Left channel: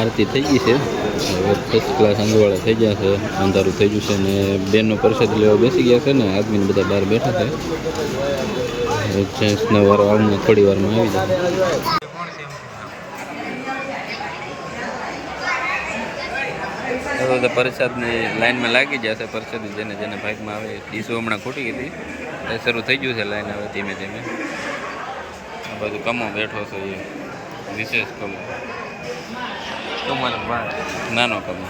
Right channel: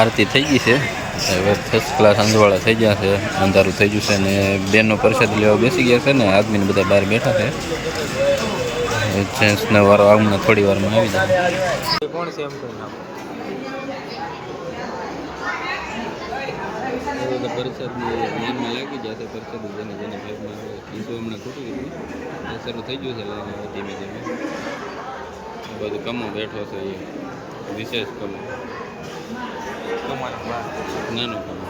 આરતી થઈ ગઈ છે. હવે ફર્સ્ટ ક્લાસ અંજવાળા થઈ ગયા છે. અંધારું થઈ ગયું છે ને બેનનો પ્રસાદ લેવા બેસી ગયા છે ને આદમીને બધા બહાર બેઠા છે. જેન્ટ્સનો વારો હમણાં થોડી વારમાં આવી જાય. બધા પ્રસાદની લાઈનમાં લાગી ગયા છે. પ્રસાદ જેને જેને ભાગમાં આવે ડીશો હમણાં ખૂટી ગઈ હતી. શરૂ થઈ ગયું છે લાઈન હવે ધીમે ધીમે. આ બધું કમો બેઠો છે એ વિશેષ કમો નાનો કમો.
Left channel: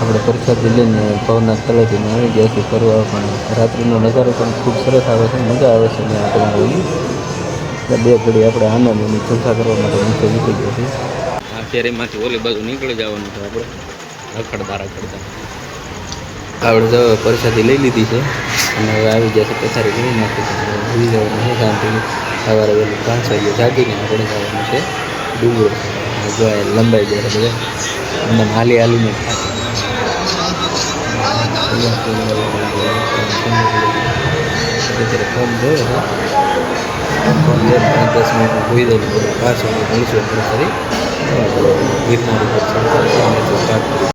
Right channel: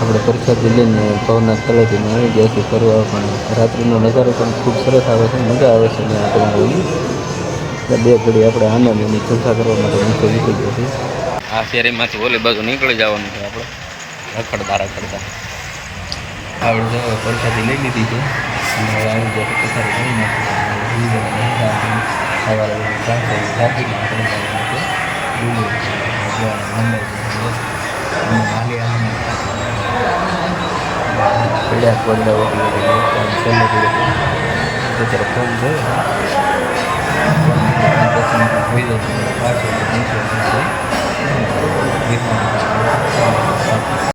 આપણે પ્રસાદ લઈને ભવનાથ તળેટીમાં આવી ગયા છીએ ફરવા. પણ રાત્રિનો નજારો પણ ખૂબ સરસ આવે છે. મજા આવે છે ત્યાં આપણે બે ઘડી આપણે આનંદની ચર્ચા કરવા માટે નીચે નીકળી ગયા છીએ. આ ફેરીમાંથી ઓલી બાજુ નીકળી જવાનું છે આપણે રખડતા રખડતા. આપણે જો પ્રસાદી લઈ લીધી છે અને હવે આવી ગયા છે પથારી કરી નાખી છે. ભૂલી જવાનું છે શાંતિ. સવારે ઓલું 5 વાગે જાગીને આપણે જવાનું છે ડુંગર. જો લંબાઈ જાય છે અને હાલી હાલીને થાકી પડ્યા પગડા અત્યારે ફોન જોયો છે. ફોન જોઈને 5-10 મિનિટમાં હોઈ જાય. 5 વાગે મળીશું આપણે ફરી ગિરનારી પર સ્ટાર્ટ